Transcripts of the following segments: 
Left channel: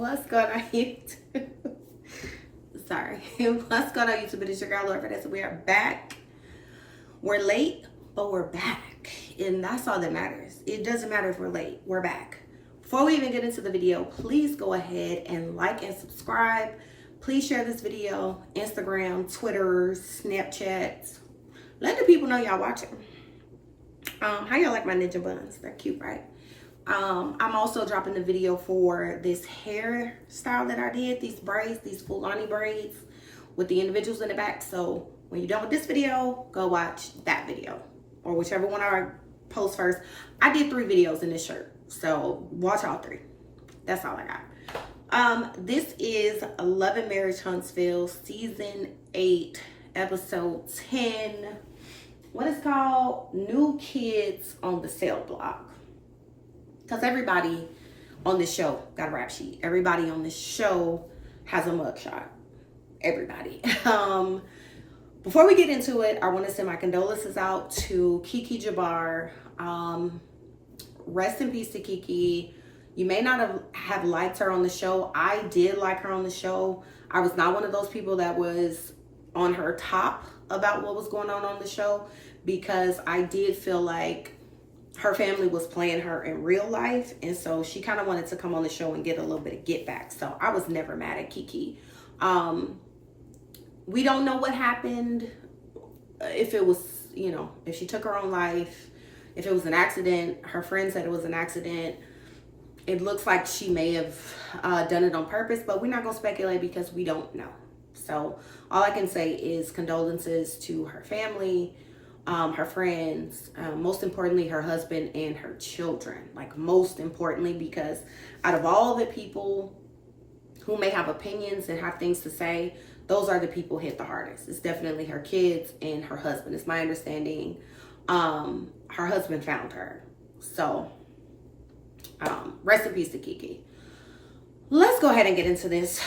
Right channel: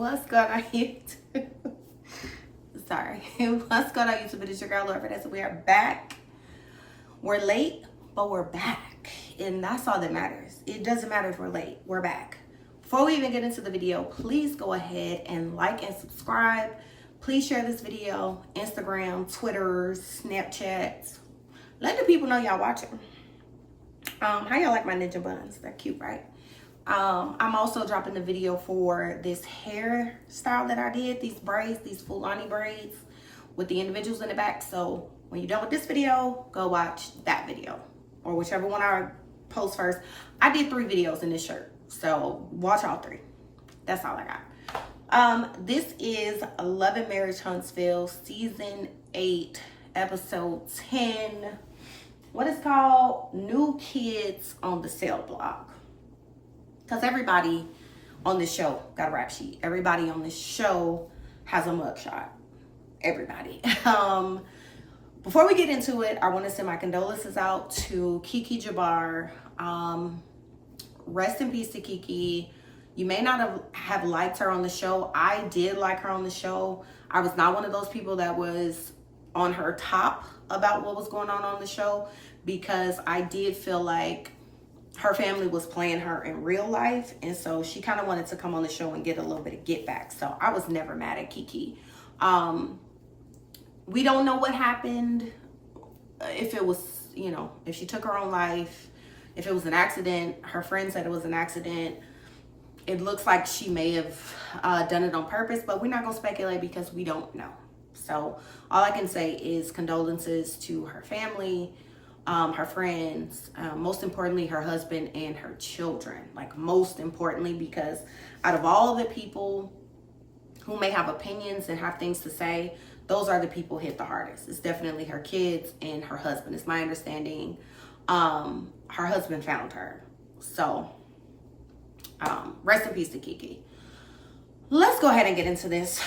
What's going on YouTube? Sorry. What's going on YouTube? It is your girl Laura Vanessa. We are back. We're late, but we're back. And that's all that matters. It doesn't matter if we're late. We're back. Before we even get into the video, please go ahead and like and subscribe. Please share this video. Instagram, Twitter, Snapchat. Let the people know y'all watching. How y'all like my ninja buns? They're cute, right? I'm also dropping the video for this hairstyle that I did, these braids, these Fulani braids with the individuals in the back. So when you're done with this video, go watch that video or whichever one I post first. I did 3 videos in this shirt, so watch all 3. That's all I got. This is Love and Marriage Huntsville, season 8, episode 10. What is called New Kids on the Cell Block. Because everybody on this show got a rap sheet. Everybody on this show has a mugshot. Everybody. Before we get into it, I want to send my condolences out to Kiki Jabbar. Rest in peace to Kiki. You may not have liked her on the show. I did like her on the show. I was not one of those people that was on her top about what was going on the show, because I did feel like her family was playing her in real life, and so she kind of wanted to come on the show and get a little bit of get back. So I was never mad at Kiki. We don't know what happened, if it was, you know, if she took her own life, if it was an accident. Her friend said it was an accident. It looks like she may have done it on purpose, but we're not gonna speculate because we don't know. So all I can say is condolences to her family, her friends, most importantly, her husband and her children. Like, most importantly, because out of all the people who may have opinions and have things to say, those are the people hit the hardest. It's definitely her kids and her husband. It's my understanding. Her husband found her. So rest in peace to Kiki. Let's go ahead and get into this.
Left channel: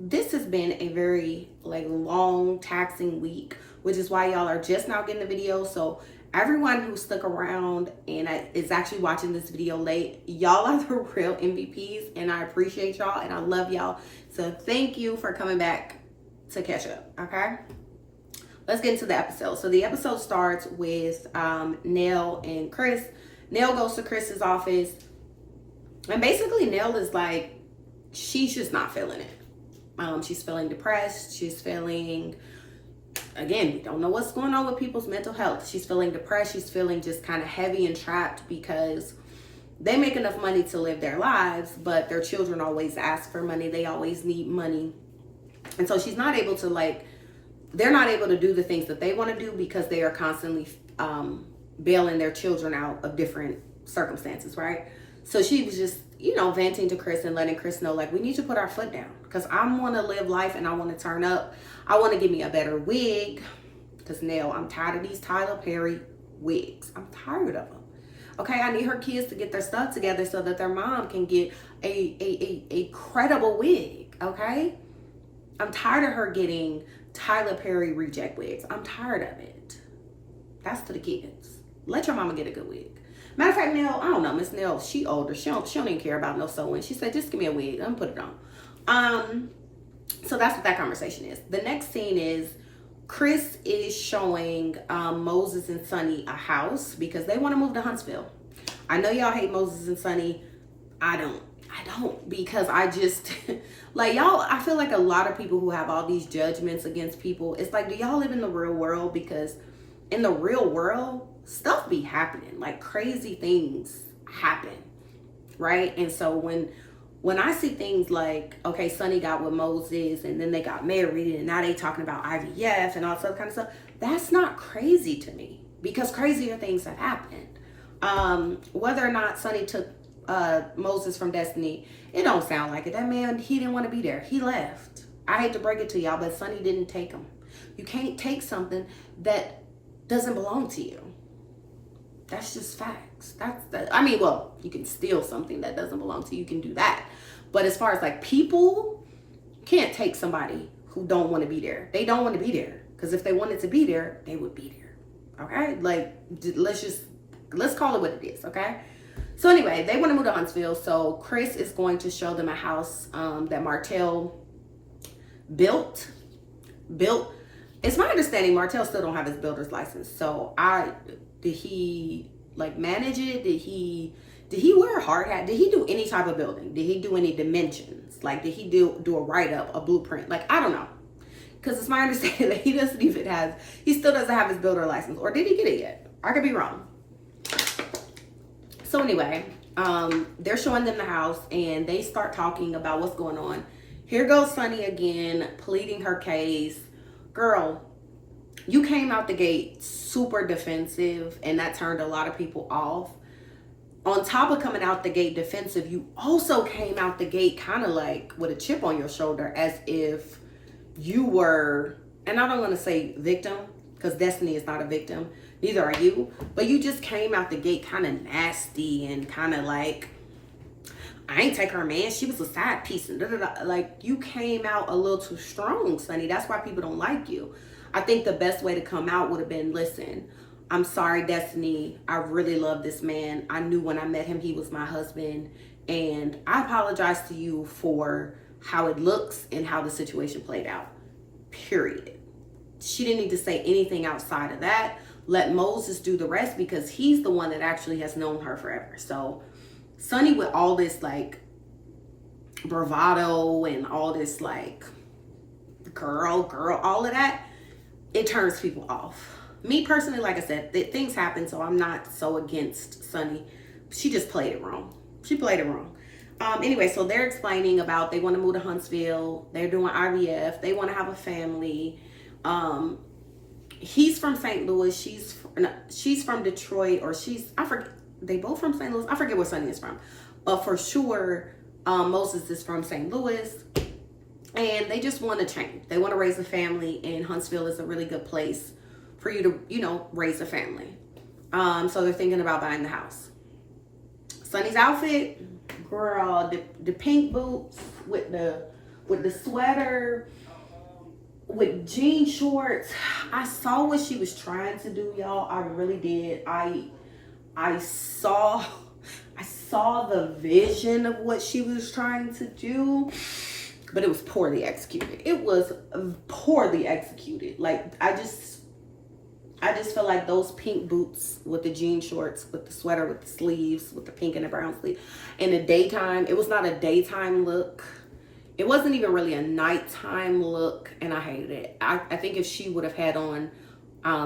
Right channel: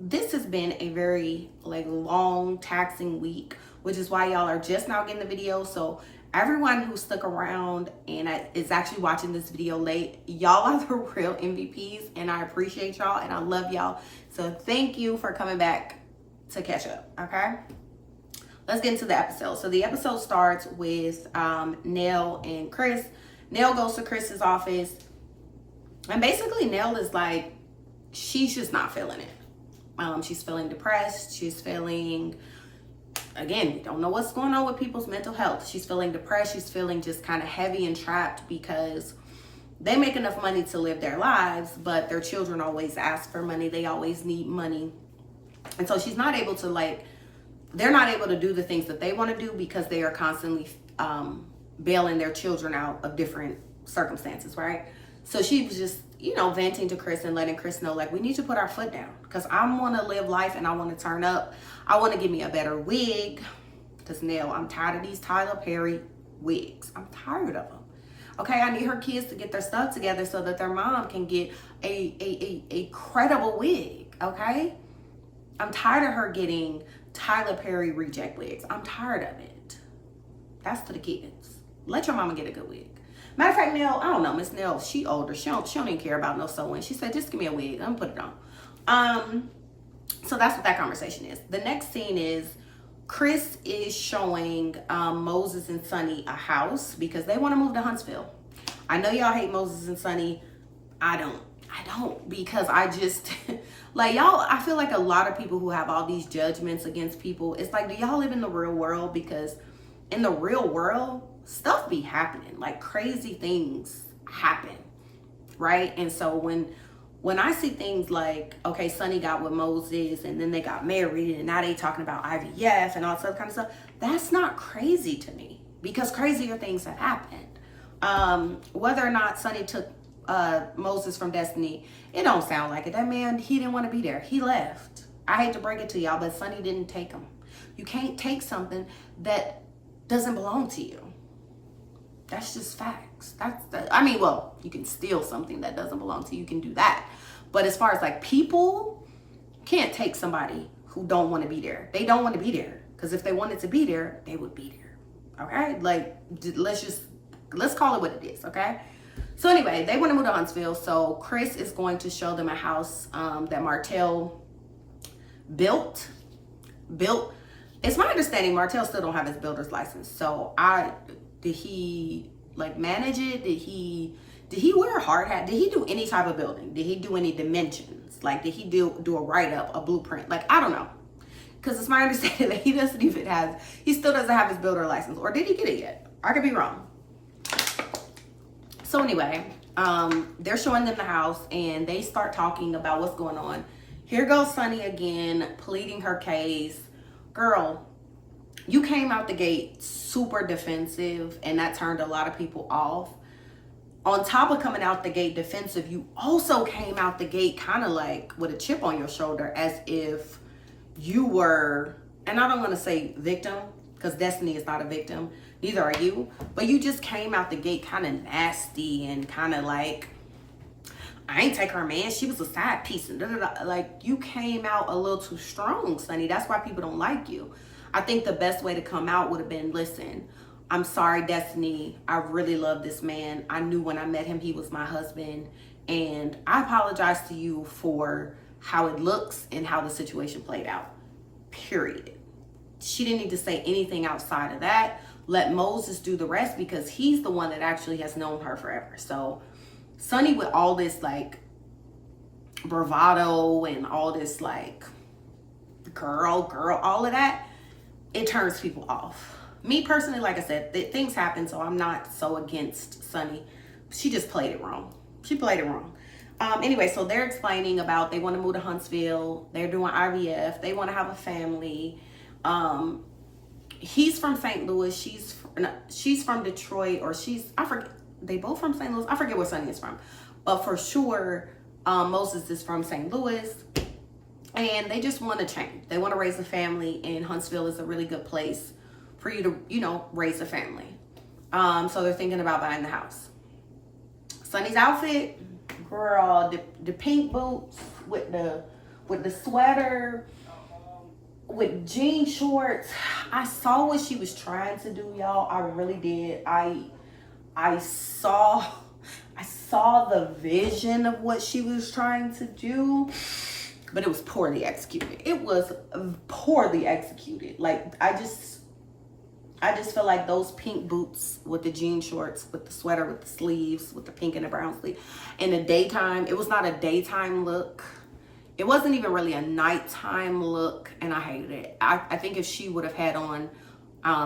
This has been a very long, taxing week, which is why y'all are just now getting the video. So everyone who stuck around and is actually watching this video late, y'all are the real MVPs, and I appreciate y'all and I love y'all. So thank you for coming back to catch up, okay? Let's get into the episode. So the episode starts with Nell and Chris. Nell goes to Chris's office, and basically Nell is like, she's just not feeling it. She's feeling depressed. She's feeling, again, we don't know what's going on with people's mental health. She's feeling depressed. She's feeling just kind of heavy and trapped because they make enough money to live their lives, but their children always ask for money. They always need money. And so she's not able to, they're not able to do the things that they want to do because they are constantly bailing their children out of different circumstances, right? So she was just, venting to Chris and letting Chris know, we need to put our foot down, because I want to live life and I want to turn up. I want to give me a better wig, because Nell, I'm tired of these Tyler Perry wigs. I'm tired of them. Okay, I need her kids to get their stuff together so that their mom can get a credible wig, okay? I'm tired of her getting Tyler Perry reject wigs. I'm tired of it. That's to the kids. Let your mama get a good wig. Matter of fact, Nell, I don't know, Miss Nell, she older. She don't even care about no sewing. She said, just give me a wig. I'm gonna put it on. So that's what that conversation is. The next scene is Chris is showing Moses and Sonny a house because they want to move to Huntsville. I know y'all hate Moses and Sonny. I don't, because I just, y'all, I feel like a lot of people who have all these judgments against people, it's do y'all live in the real world? Because in the real world, stuff be happening. Crazy things happen, right? And so when I see things okay, Sonny got with Moses and then they got married and now they talking about IVF and all that kind of stuff, that's not crazy to me, because crazier things have happened. Whether or not Sonny took Moses from Destiny, it don't sound like it. That man, he didn't want to be there. He left. I hate to break it to y'all, but Sonny didn't take him. You can't take something that doesn't belong to you. That's just facts. You can steal something that doesn't belong to you. You can do that. But as far as people, can't take somebody who don't want to be there. They don't want to be there. Because if they wanted to be there, they would be there. Okay? Let's call it what it is. Okay? So anyway, they want to move to Huntsville. So Chris is going to show them a house that Martell built. It's my understanding Martell still don't have his builder's license. So did he like manage it? Did he wear a hard hat? Did he do any type of building? Did he do any dimensions? Like, did he do a write-up, a blueprint? Like, I don't know. Because it's my understanding that he still doesn't have his builder license. Or did he get it yet? I could be wrong. So anyway, they're showing them the house and they start talking about what's going on. Here goes Sunny again, pleading her case. Girl, you came out the gate super defensive and that turned a lot of people off. On top of coming out the gate defensive, you also came out the gate kind of like with a chip on your shoulder, as if you were, and I don't want to say victim, because Destiny is not a victim, neither are you, but you just came out the gate kind of nasty and kind of like, I ain't take her man, she was a side piece, and like, you came out a little too strong, Sunny. That's why people don't like you. I think the best way to come out would have been, listen, I'm sorry, Destiny, I really love this man. I knew when I met him he was my husband, and I apologize to you for how it looks and how the situation played out, period. She didn't need to say anything outside of that. Let Moses do the rest, because he's the one that actually has known her forever. So Sunny, with all this like bravado and all this like girl, all of that, it turns people off. Me personally, like I said, things happen, so I'm not so against Sunny. She just played it wrong. She played it wrong. Anyway, so they're explaining about they want to move to Huntsville. They're doing IVF. They want to have a family. He's from St. Louis. She's from Detroit, or I forget. They both from St. Louis. I forget where Sunny is from, but for sure, Moses is from St. Louis, and they just want to change. They want to raise a family, and Huntsville is a really good place for you to, raise a family. So they're thinking about buying the house. Sunny's outfit, girl, the pink boots with the sweater, with jean shorts. I saw what she was trying to do, y'all. I really did. I saw the vision of what she was trying to do, but it was poorly executed. It was poorly executed. Like, I just feel like those pink boots with the jean shorts, with the sweater, with the sleeves, with the pink and the brown sleeve, in the daytime, it was not a daytime look. It wasn't even really a nighttime look, and I hated it. I think if she would have had on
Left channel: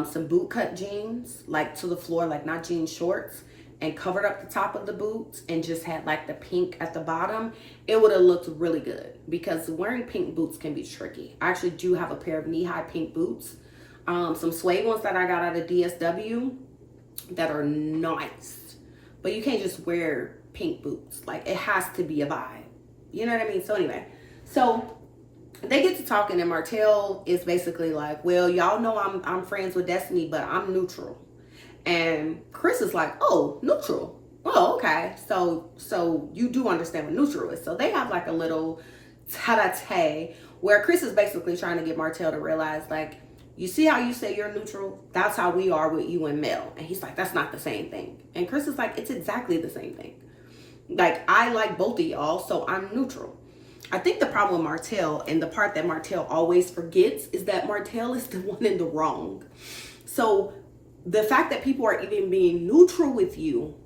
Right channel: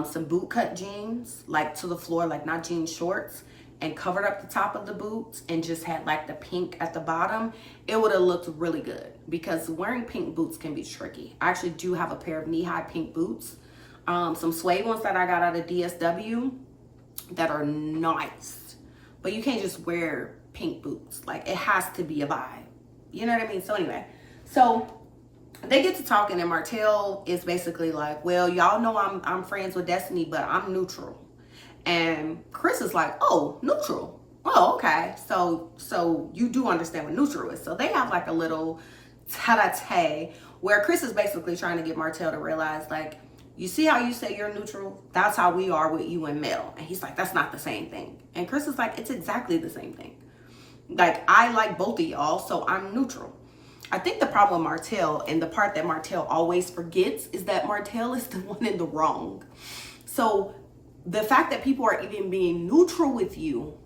some boot cut jeans, like to the floor, like not jean shorts, and covered up the top of the boots and just had like the pink at the bottom, it would have looked really good, because wearing pink boots can be tricky. I actually do have a pair of knee-high pink boots, some suede ones that I got out of DSW that are nice, but you can't just wear pink boots. Like, it has to be a vibe. You know what I mean? So anyway, so they get to talking, and Martell is basically like, well, y'all know I'm friends with Destiny, but I'm neutral. And Chris is like, oh, neutral. Oh, okay. So you do understand what neutral is. So they have like a little tete-a-tete where Chris is basically trying to get Martell to realize, like, you see how you say you're neutral? That's how we are with you and Mel. And he's like, that's not the same thing. And Chris is like, it's exactly the same thing. Like, I like both of y'all, so I'm neutral. I think the problem with Martell, and the part that Martell always forgets, is that Martell is the one in the wrong. So the fact that people are even being neutral with you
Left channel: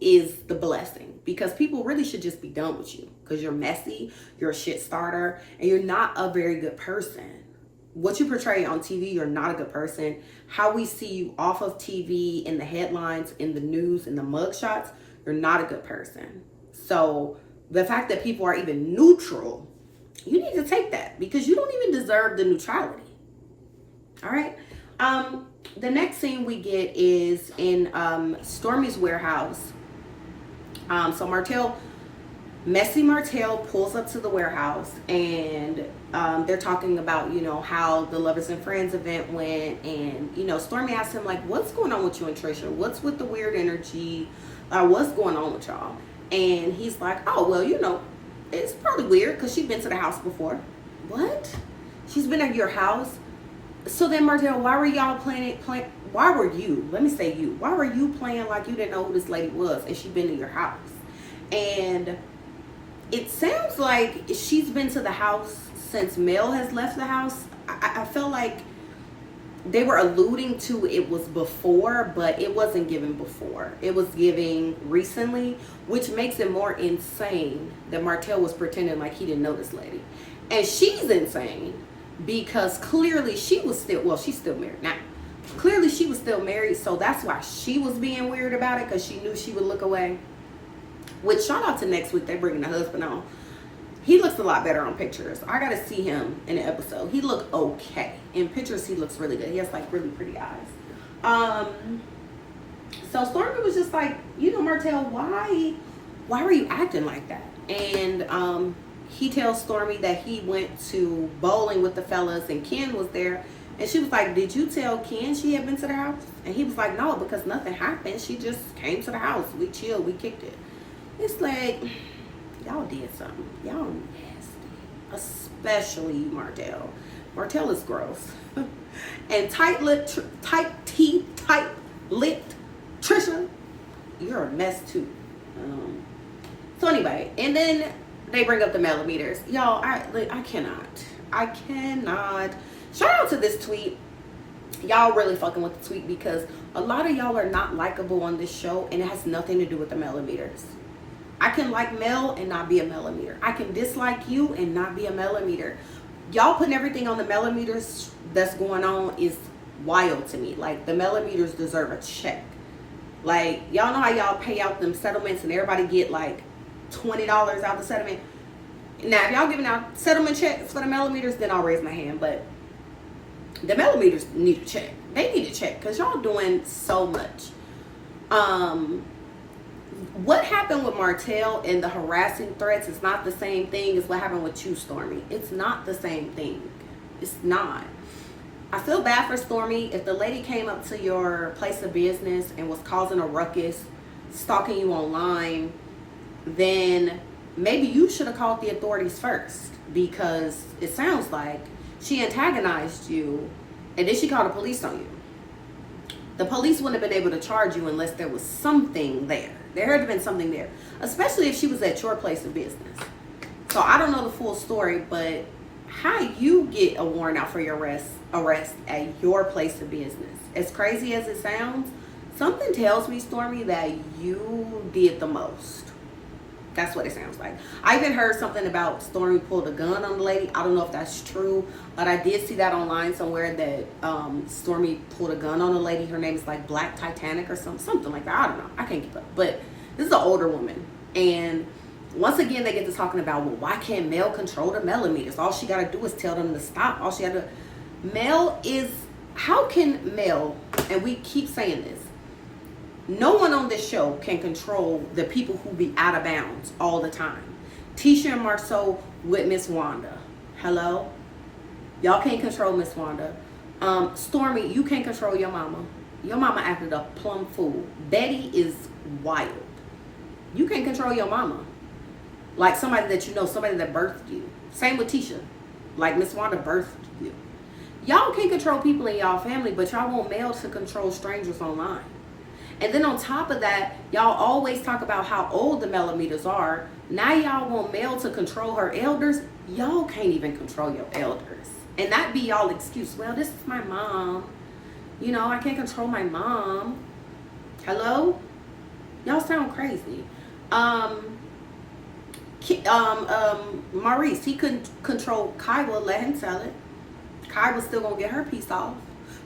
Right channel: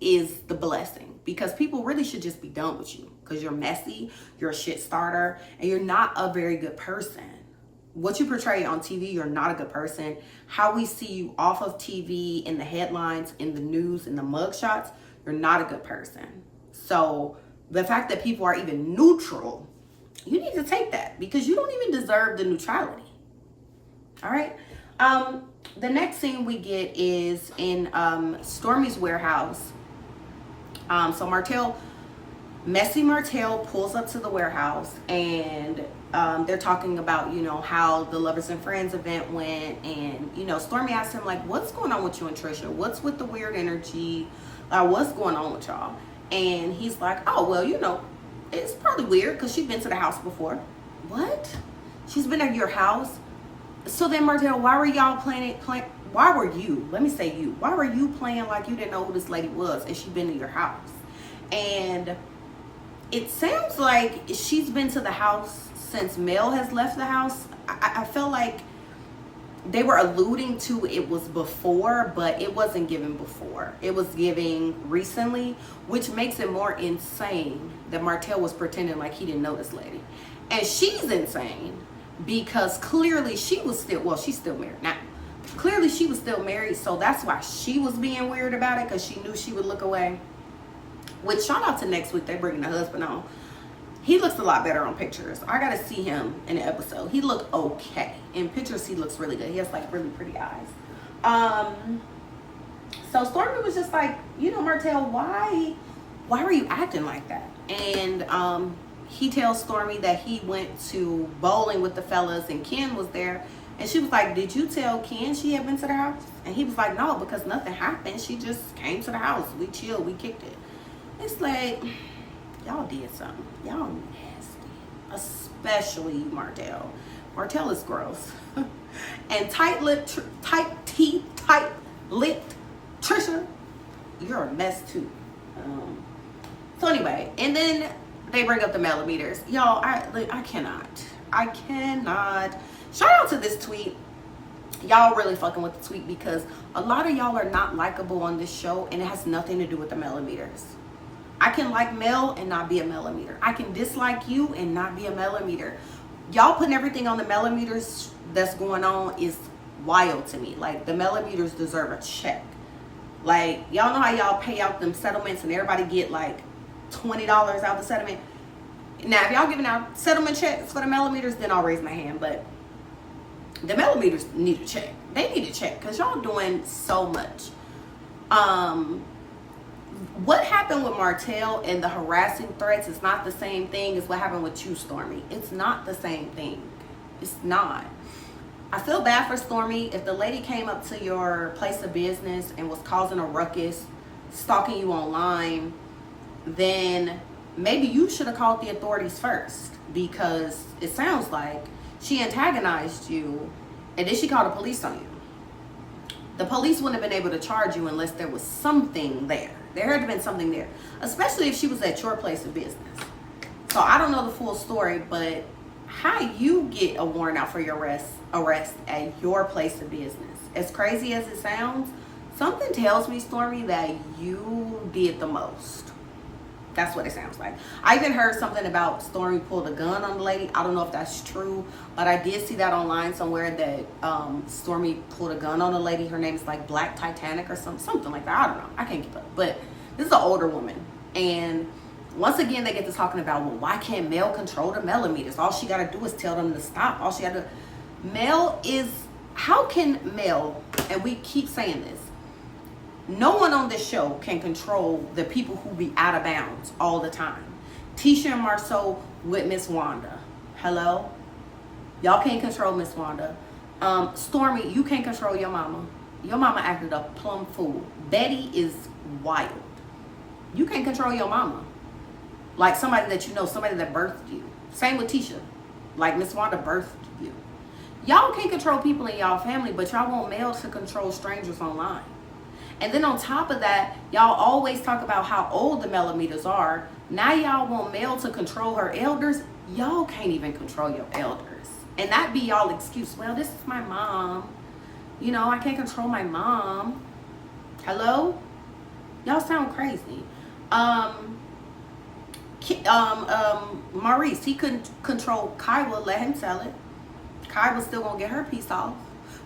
is the blessing, because people really should just be done with you, because you're messy, you're a shit starter, and you're not a very good person. What you portray on TV, you're not a good person. How we see you off of TV, in the headlines, in the news, in the mugshots, you're not a good person. So the fact that people are even neutral, you need to take that, because you don't even deserve the neutrality. All right. The next scene we get is in Stormy's warehouse. So Messy Martell pulls up to the warehouse, and they're talking about, how the Lovers and Friends event went. And, Stormy asks him, like, what's going on with you and Trisha? What's with the weird energy? What's going on with y'all? And he's like, oh, well, it's probably weird because she's been to the house before. What? She's been at your house? So then, Martell, why were y'all why were you, let me say you, why were you playing like you didn't know who this lady was and she been in your house? And it sounds like she's been to the house since Mel has left the house. I felt like they were alluding to it was before, but it wasn't given before. It was giving recently, which makes it more insane that Martell was pretending like he didn't know this lady. And she's insane because clearly she was still, well, she's still married now. Clearly she was still married, so that's why she was being weird about it, because she knew she would look away. Which, shout out to next week, they're bringing the husband on. He looks a lot better on pictures. I gotta see him in the episode. He looked okay. In pictures, he looks really good. He has like really pretty eyes. So Stormy was just like, you know, Martell, why were you acting like that? And he tells Stormy that he went to bowling with the fellas and Ken was there. And she was like, did you tell Ken she had been to the house? And he was like, no, because nothing happened. She just came to the house. We chilled. We kicked it. It's like, y'all did something. Y'all nasty. Especially Martell. Martell is gross. And tight-lipped Trisha, you're a mess too. So anyway, and then they bring up the millimeters. Y'all, I cannot. Shout out to this tweet. Y'all really fucking with the tweet, because a lot of y'all are not likable on this show, and it has nothing to do with the millimeters. I can like Mel and not be a millimeter. I can dislike you and not be a millimeter. Y'all putting everything on the millimeters that's going on is wild to me. Like, the millimeters deserve a check. Like, y'all know how y'all pay out them settlements and everybody get like $20 out the settlement. Now, if y'all giving out settlement checks for the millimeters, then I'll raise my hand. But the millimeters need a check. They need a check because y'all doing so much. What happened with Martell and the harassing threats is not the same thing as what happened with you, Stormy. It's not the same thing. It's not. I feel bad for Stormy. If the lady came up to your place of business and was causing a ruckus, stalking you online, then maybe you should have called the authorities first, because it sounds like she antagonized you and then she called the police on you. The police wouldn't have been able to charge you unless there was something there. There had to have been something there, especially if she was at your place of business. So I don't know the full story, but how you get a warrant out for your arrest at your place of business, as crazy as it sounds, something tells me, Stormy, that you did the most. That's what it sounds like. I even heard something about Stormy pulled a gun on the lady. I don't know if that's true, but I did see that online somewhere that Stormy pulled a gun on a lady. Her name is like Black Titanic or something like that. I don't know. I can't keep up. But this is an older woman. And once again, they get to talking about, well, why can't Mel control the millimeters? All she got to do is tell them to stop. All she got to... Mel is... How can Mel... And we keep saying this. No one on this show can control the people who be out of bounds all the time. Tisha and Marceau with Miss Wanda. Hello? Y'all can't control Miss Wanda. Stormy, you can't control your mama. Your mama acted a plumb fool. Betty is wild. You can't control your mama. Like somebody that you know, somebody that birthed you. Same with Tisha. Like Miss Wanda birthed you. Y'all can't control people in y'all family, but y'all want Mel to control strangers online. And then on top of that, y'all always talk about how old the millimeters are. Now y'all want Mel to control her elders. Y'all can't even control your elders. And that be y'all excuse. Well, this is my mom. You know, I can't control my mom. Hello? Y'all sound crazy. Maurice, he couldn't control Kaiwa, let him tell it. Kaiwa's still gonna get her piece off.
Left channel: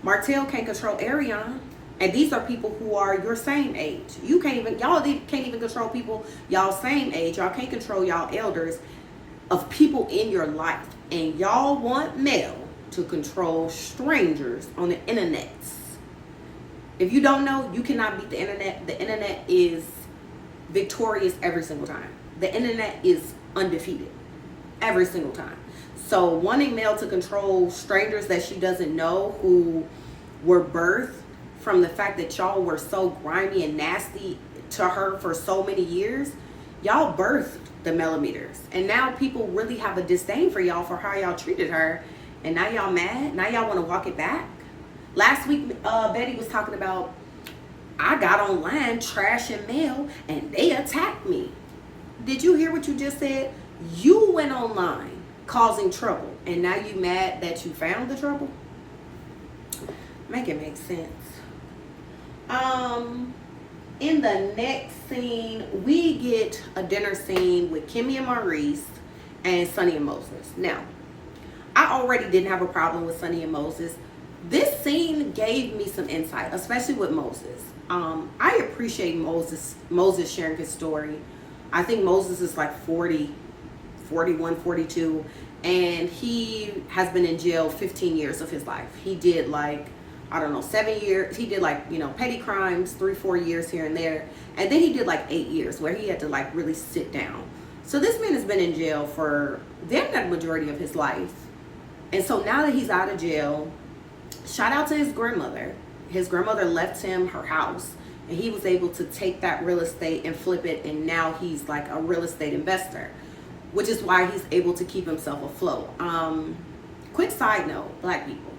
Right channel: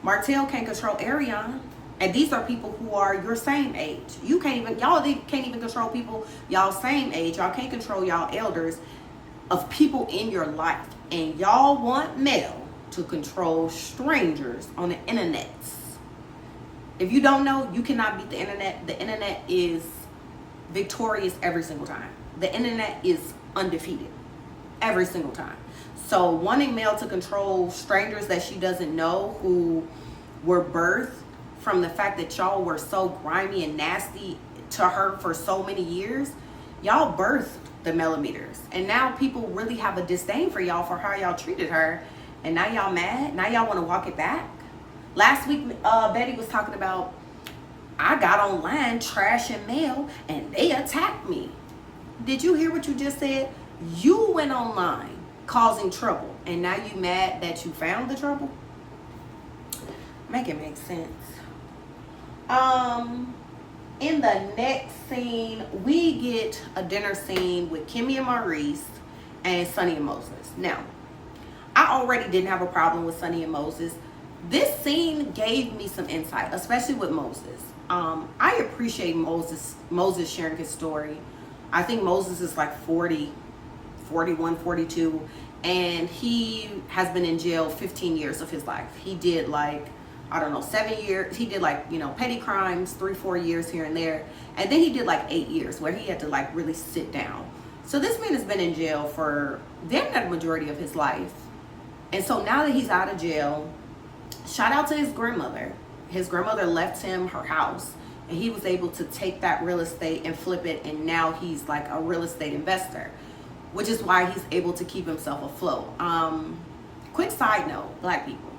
Martell can't control Ariane. And these are people who are your same age. Y'all can't even control people y'all same age. Y'all can't control y'all elders of people in your life. And y'all want Mel to control strangers on the internet. If you don't know, you cannot beat the internet. The internet is victorious every single time. The internet is undefeated every single time. So wanting Mel to control strangers that she doesn't know who were birthed from the fact that y'all were so grimy and nasty to her for so many years, y'all birthed the millimeters. And now people really have a disdain for y'all for how y'all treated her. And now y'all mad? Now y'all want to walk it back? Last week, Betty was talking about, I got online trashing mail and they attacked me. Did you hear what you just said? You went online causing trouble and now you mad that you found the trouble? Make it make sense. In the next scene, we get a dinner scene with Kimmy and Maurice and Sonny and Moses. Now, I already didn't have a problem with Sonny and Moses. This scene gave me some insight, especially with Moses. I appreciate Moses sharing his story. I think Moses is like 40, 41, 42, and he has been in jail 15 years of his life. He did like, I don't know, 7 years. He did like, petty crimes, 3-4 years here and there. And then he did like 8 years where he had to like really sit down. So this man has been in jail for the majority of his life. And so now that he's out of jail, shout out to his grandmother. His grandmother left him her house and he was able to take that real estate and flip it. And now he's like a real estate investor, which is why he's able to keep himself afloat. Quick side note, Black people,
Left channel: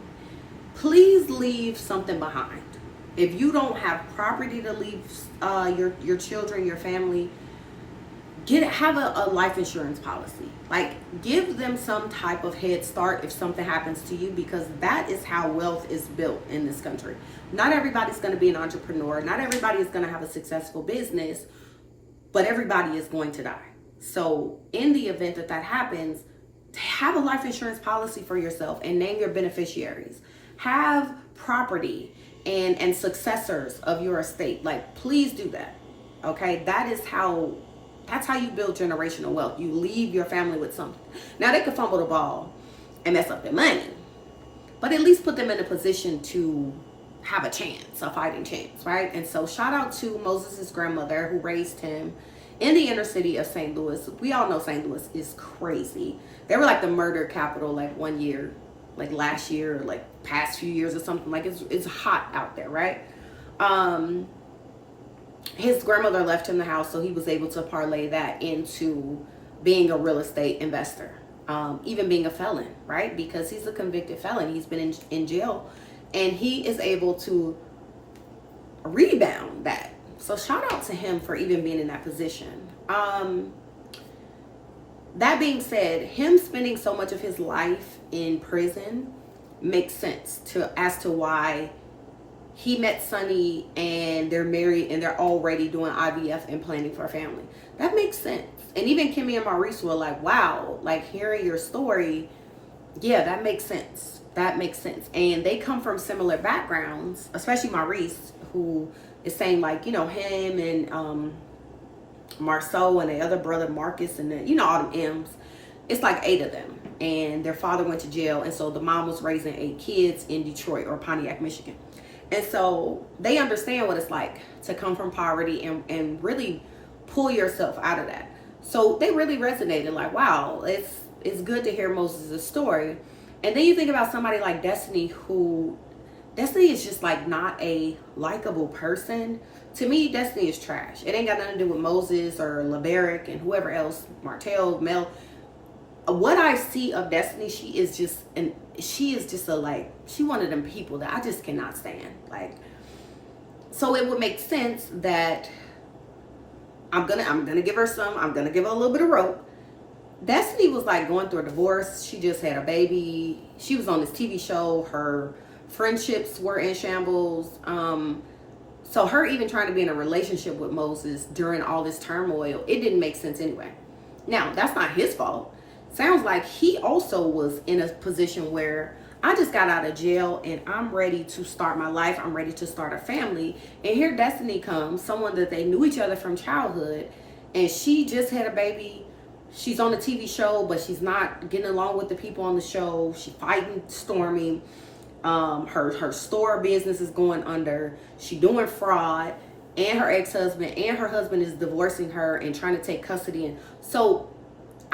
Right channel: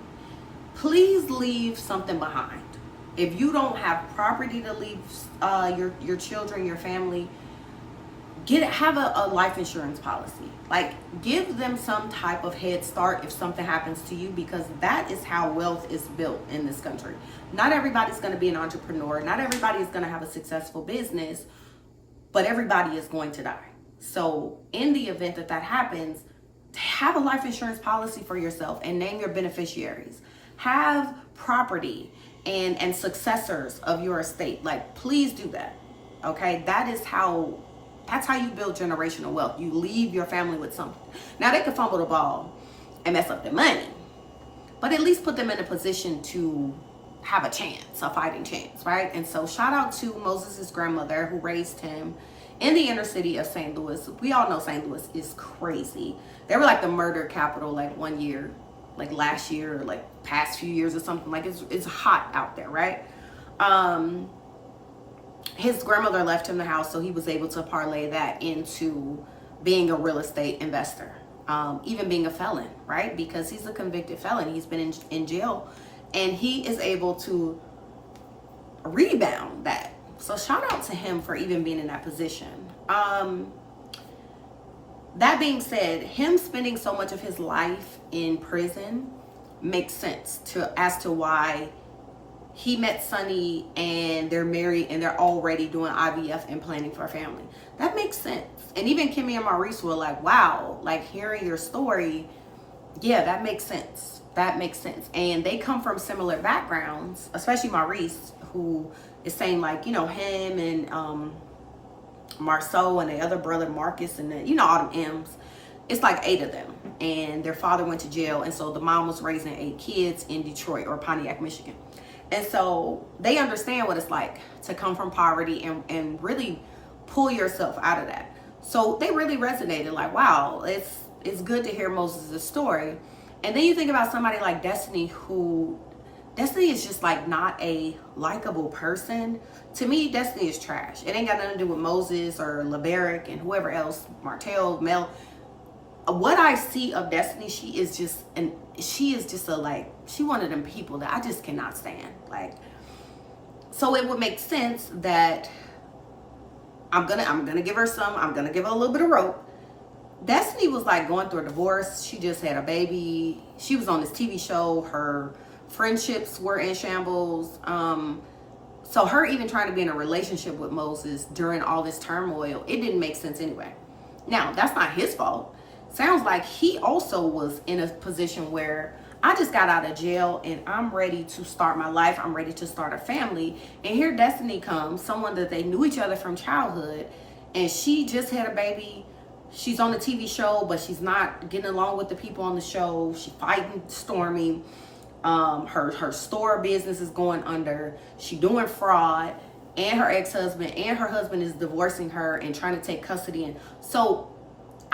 please leave something behind. If you don't have property to leave your children, your family, have a life insurance policy. Like, give them some type of head start if something happens to you, because that is how wealth is built in this country. Not everybody's going to be an entrepreneur. Not everybody is going to have a successful business, but everybody is going to die. So in the event that happens, have a life insurance policy for yourself and name your beneficiaries. Have property and successors of your estate. Like, please do that. Okay, that's how you build generational wealth. You leave your family with something. Now they could fumble the ball and mess up their money, but at least put them in a position to have a chance, a fighting chance, right? And so shout out to Moses' grandmother who raised him in the inner city of St. Louis. We all know St. Louis is crazy. They were like the murder capital like one year, like last year, or like past few years or something. Like it's hot out there, right? His grandmother left him the house, so he was able to parlay that into being a real estate investor, even being a felon, right? Because he's a convicted felon. He's been in jail, and he is able to rebound that. So shout out to him for even being in that position. That being said, him spending so much of his life in prison makes sense as to why he met Sonny and they're married and they're already doing IVF and planning for a family. That makes sense. And even Kimmy and Maurice were like, wow, like hearing your story, yeah, that makes sense. That makes sense. And they come from similar backgrounds, especially Maurice, who is saying like, him and Marceau and the other brother Marcus and all them M's. It's like 8 of them. And their father went to jail. And so the mom was raising 8 kids in Detroit or Pontiac, Michigan. And so they understand what it's like to come from poverty and really pull yourself out of that. So they really resonated like, wow, it's good to hear Moses' story. And then you think about somebody like Destiny, Destiny is just like not a likable person. To me, Destiny is trash. It ain't got nothing to do with Moses or LeBaric and whoever else, Martell, Mel. What I see of Destiny, she is just she one of them people that I just cannot stand. Like, so it would make sense that I'm gonna give her a little bit of rope. Destiny was like going through a divorce. She just had a baby. She was on this TV show. Her friendships were in shambles. So her even trying to be in a relationship with Moses during all this turmoil, it didn't make sense anyway. Now, that's not his fault. Sounds like he also was in a position where I just got out of jail and I'm ready to start my life. I'm ready to start a family. And here Destiny comes, someone that they knew each other from childhood, and she just had a baby. She's on a TV show, but she's not getting along with the people on the show. She's fighting Stormy. Her store business is going under. She doing fraud, and her ex-husband and her husband is divorcing her and trying to take custody. And so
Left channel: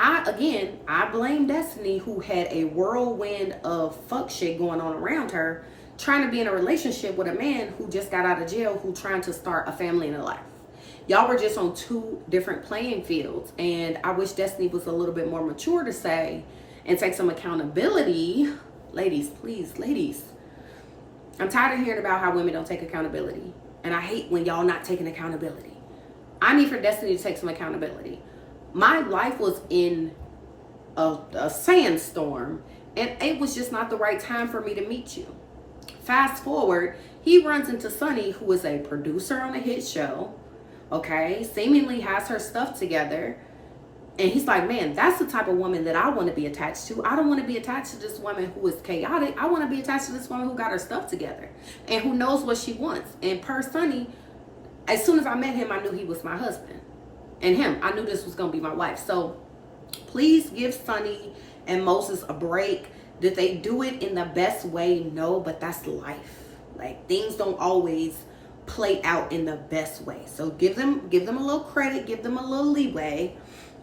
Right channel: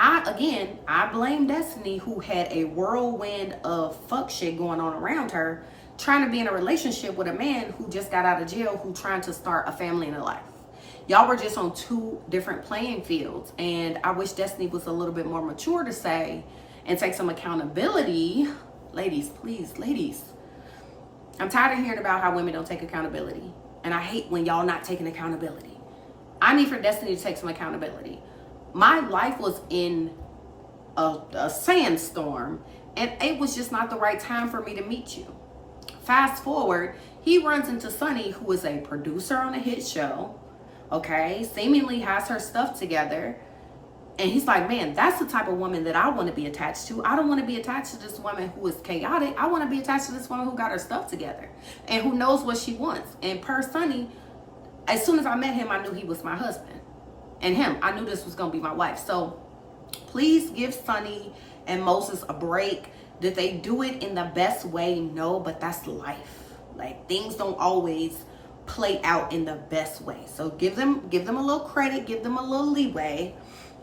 I blame Destiny, who had a whirlwind of fuck shit going on around her, trying to be in a relationship with a man who just got out of jail, who trying to start a family and a life. Y'all were just on 2 different playing fields, and I wish Destiny was a little bit more mature to say and take some accountability. Ladies, please, ladies. I'm tired of hearing about how women don't take accountability. And I hate when y'all not taking accountability. I need for Destiny to take some accountability. My life was in a sandstorm, and it was just not the right time for me to meet you. Fast forward, he runs into Sunny, who is a producer on a hit show, okay, seemingly has her stuff together. And he's like, man, that's the type of woman that I want to be attached to. I don't want to be attached to this woman who is chaotic. I want to be attached to this woman who got her stuff together and who knows what she wants. And per Sunny, as soon as I met him, I knew he was my husband. And him, I knew this was going to be my wife. So please give Sunny and Moses a break. Did they do it in the best way? No, but that's life. Like, things don't always play out in the best way. So give them a little credit, give them a little leeway.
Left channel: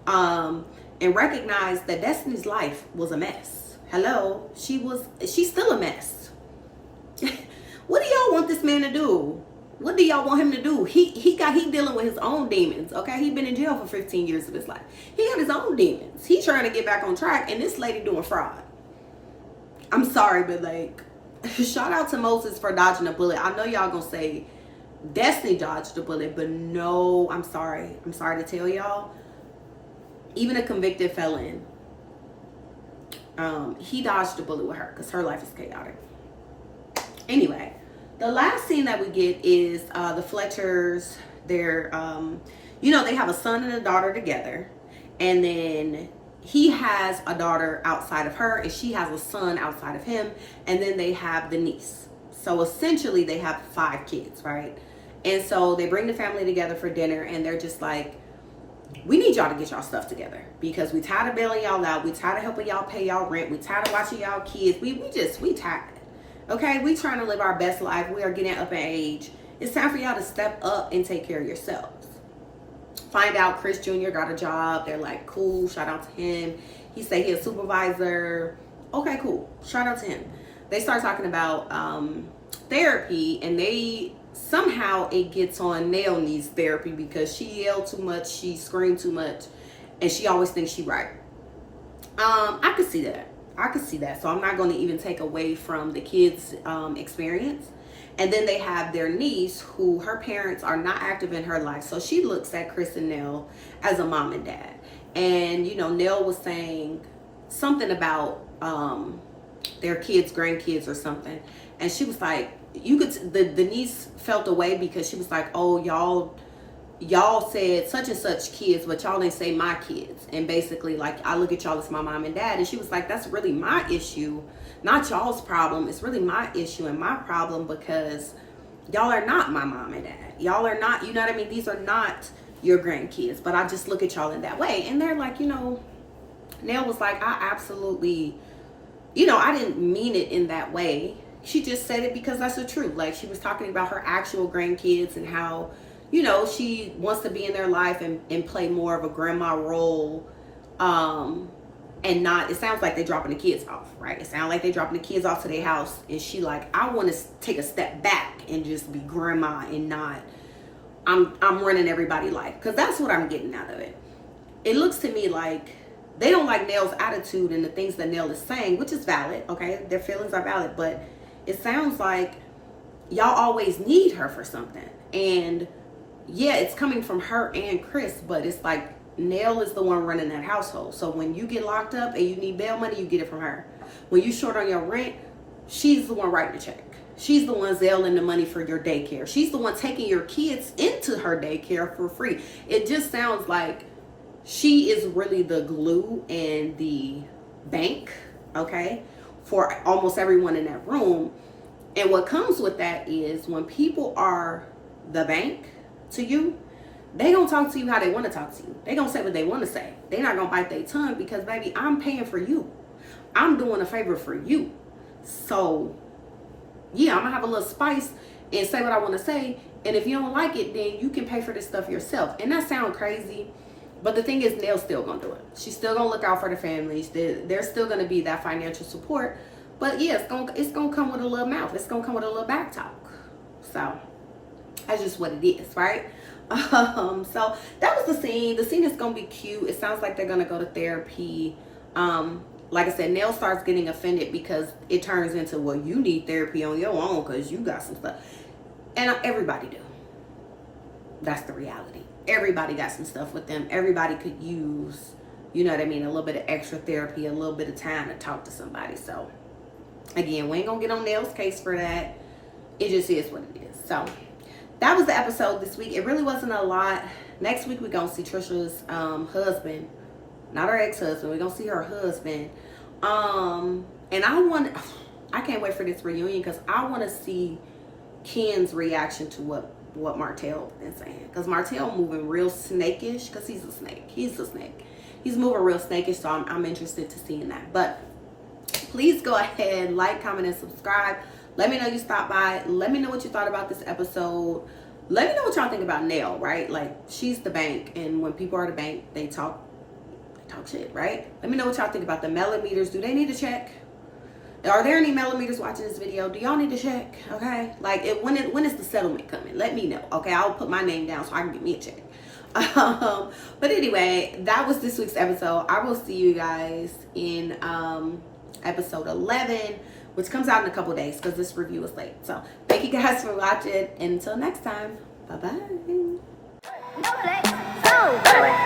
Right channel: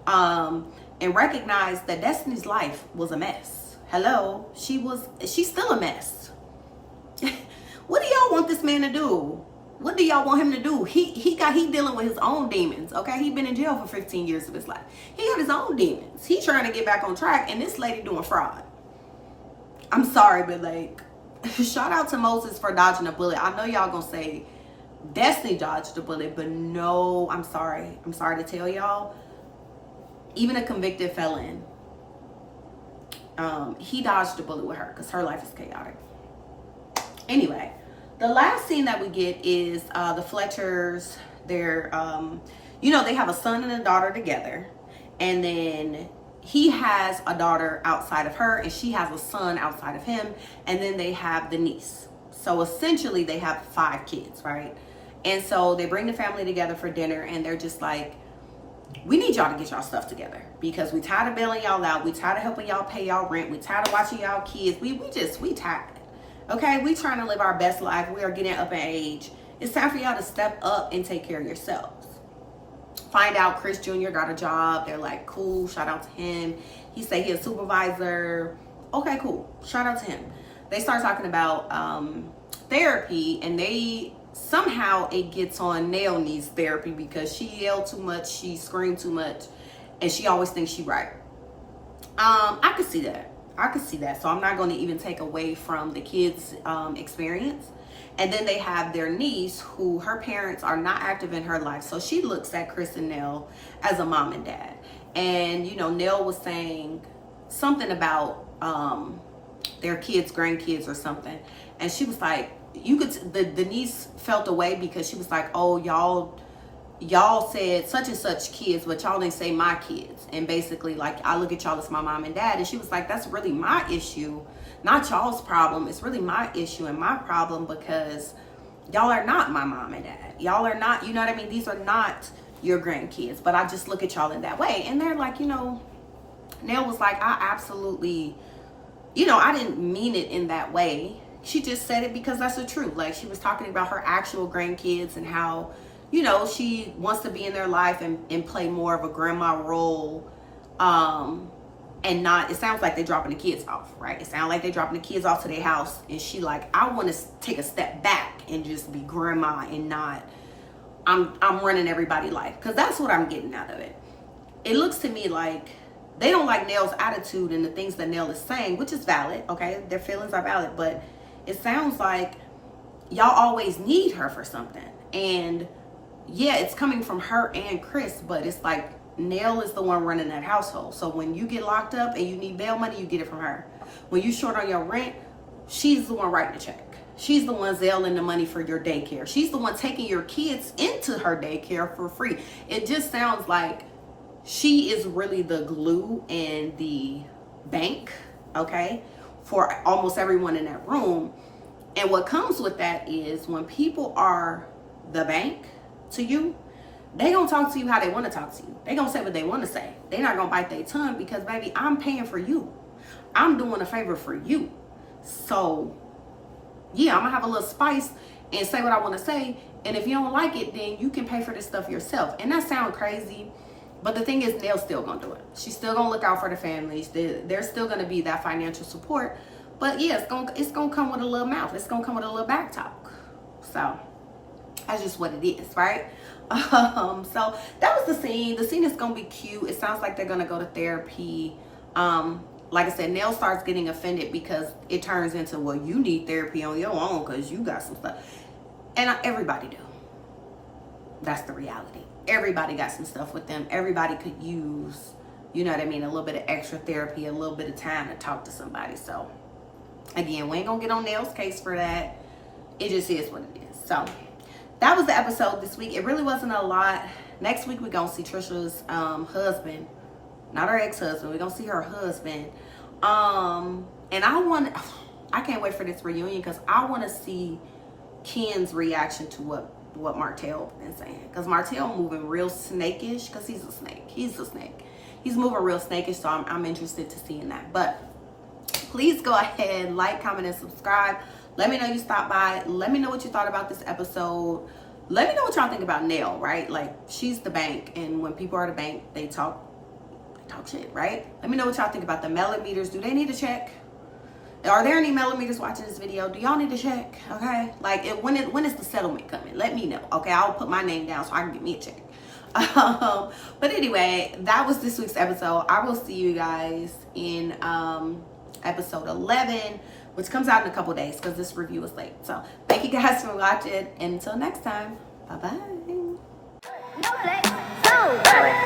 And recognize that Destiny's life was a mess. Hello, she's still a mess. What do y'all want this man to do? What do y'all want him to do? He dealing with his own demons. Okay, he been in jail for 15 years of his life. He got his own demons. He trying to get back on track, and this lady doing fraud. I'm sorry, but like, shout out to Moses for dodging a bullet. I know y'all gonna say Destiny dodged a bullet, but no, I'm sorry. I'm sorry to tell y'all. Even a convicted felon, he dodged a bullet with her because her life is chaotic. Anyway, the last scene that we get is the Fletchers. They're, they have a son and a daughter together. And then he has a daughter outside of her and she has a son outside of him. And then they have the niece. So essentially they have 5 kids, right? And so they bring the family together for dinner and they're just like, we need y'all to get y'all stuff together because we tired of bailing y'all out. We tired of helping y'all pay y'all rent. We tired of watching y'all kids. We tired. Okay, we trying to live our best life. We are getting up in age. It's time for y'all to step up and take care of yourselves. Find out Chris Jr. got a job. They're like, cool, shout out to him. He say he a supervisor. Okay, cool, shout out to him. They start talking about therapy, and somehow it gets on Nell needs therapy because she yelled too much, she screamed too much, and she always thinks she right. I could see that. So I'm not going to even take away from the kids' experience. And then they have their niece who her parents are not active in her life. So she looks at Chris and Nell as a mom and dad. And, Nell was saying something about their kids, grandkids or something. And she was like, the niece felt away because she was like, oh, y'all said such and such kids, but y'all didn't say my kids. And basically, like, I look at y'all as my mom and dad. And she was like, that's really my issue, not y'all's problem. It's really my issue and my problem because y'all are not my mom and dad. Y'all are not, you know what I mean? These are not your grandkids, but I just look at y'all in that way. And they're like, Nell was like, I absolutely, I didn't mean it in that way. She just said it because that's the truth. Like, she was talking about her actual grandkids and how, she wants to be in their life and play more of a grandma role. And not, it sounds like they're dropping the kids off, right? It sounds like they're dropping the kids off to their house. And she like, I want to take a step back and just be grandma and not, I'm running everybody's life. Because that's what I'm getting out of it. It looks to me like they don't like Nell's attitude and the things that Nell is saying, which is valid, okay? Their feelings are valid, but it sounds like y'all always need her for something. And yeah, it's coming from her and Chris, but it's like Nell is the one running that household. So when you get locked up and you need bail money, you get it from her. When you short on your rent, she's the one writing the check. She's the one zelling the money for your daycare. She's the one taking your kids into her daycare for free. It just sounds like she is really the glue and the bank, okay, for almost everyone in that room. And what comes with that is when people are the bank to you, they gonna talk to you how they want to talk to you. They gonna say what they want to say. They not gonna bite their tongue because, baby, I'm paying for you. I'm doing a favor for you. So yeah, I'm gonna have a little spice and say what I want to say. And if you don't like it, then you can pay for this stuff yourself. And that sounds crazy, but the thing is, Nell's still gonna do it. She's still gonna look out for the families. There's still gonna be that financial support. But yeah, it's gonna come with a little mouth. It's gonna come with a little back talk. So that's just what it is, right? So that was the scene. The scene is gonna be cute. It sounds like they're gonna go to therapy. like I said, Nell starts getting offended because it turns into, well, you need therapy on your own because you got some stuff. And everybody do. That's the reality. Everybody got some stuff with them. Everybody could use, you know what I mean, a little bit of extra therapy, a little bit of time to talk to somebody. So, again, we ain't going to get on Nell's case for that. It just is what it is. So, that was the episode this week. It really wasn't a lot. Next week, we're going to see Trisha's husband. Not her ex-husband. We're going to see her husband. And I can't wait for this reunion because I want to see Ken's reaction to what Martell been saying. Because Martell moving real snakish because he's a snake. He's a snake. He's moving real snakish, so I'm interested to seeing that. But please go ahead, like, comment, and subscribe. Let me know you stopped by. Let me know what you thought about this episode. Let me know what y'all think about Nell, right? Like, she's the bank, and when people are the bank, they talk shit, right? Let me know what y'all think about the millimeters. Do they need to check? Are there any millimeters watching this video? Do y'all need to check? Okay, like when is the settlement coming? Let me know. Okay, I'll put my name down so I can get me a check. But anyway, that was this week's episode. I will see you guys in episode 11, which comes out in a couple days because this review is late. So thank you guys for watching. Until next time, bye bye.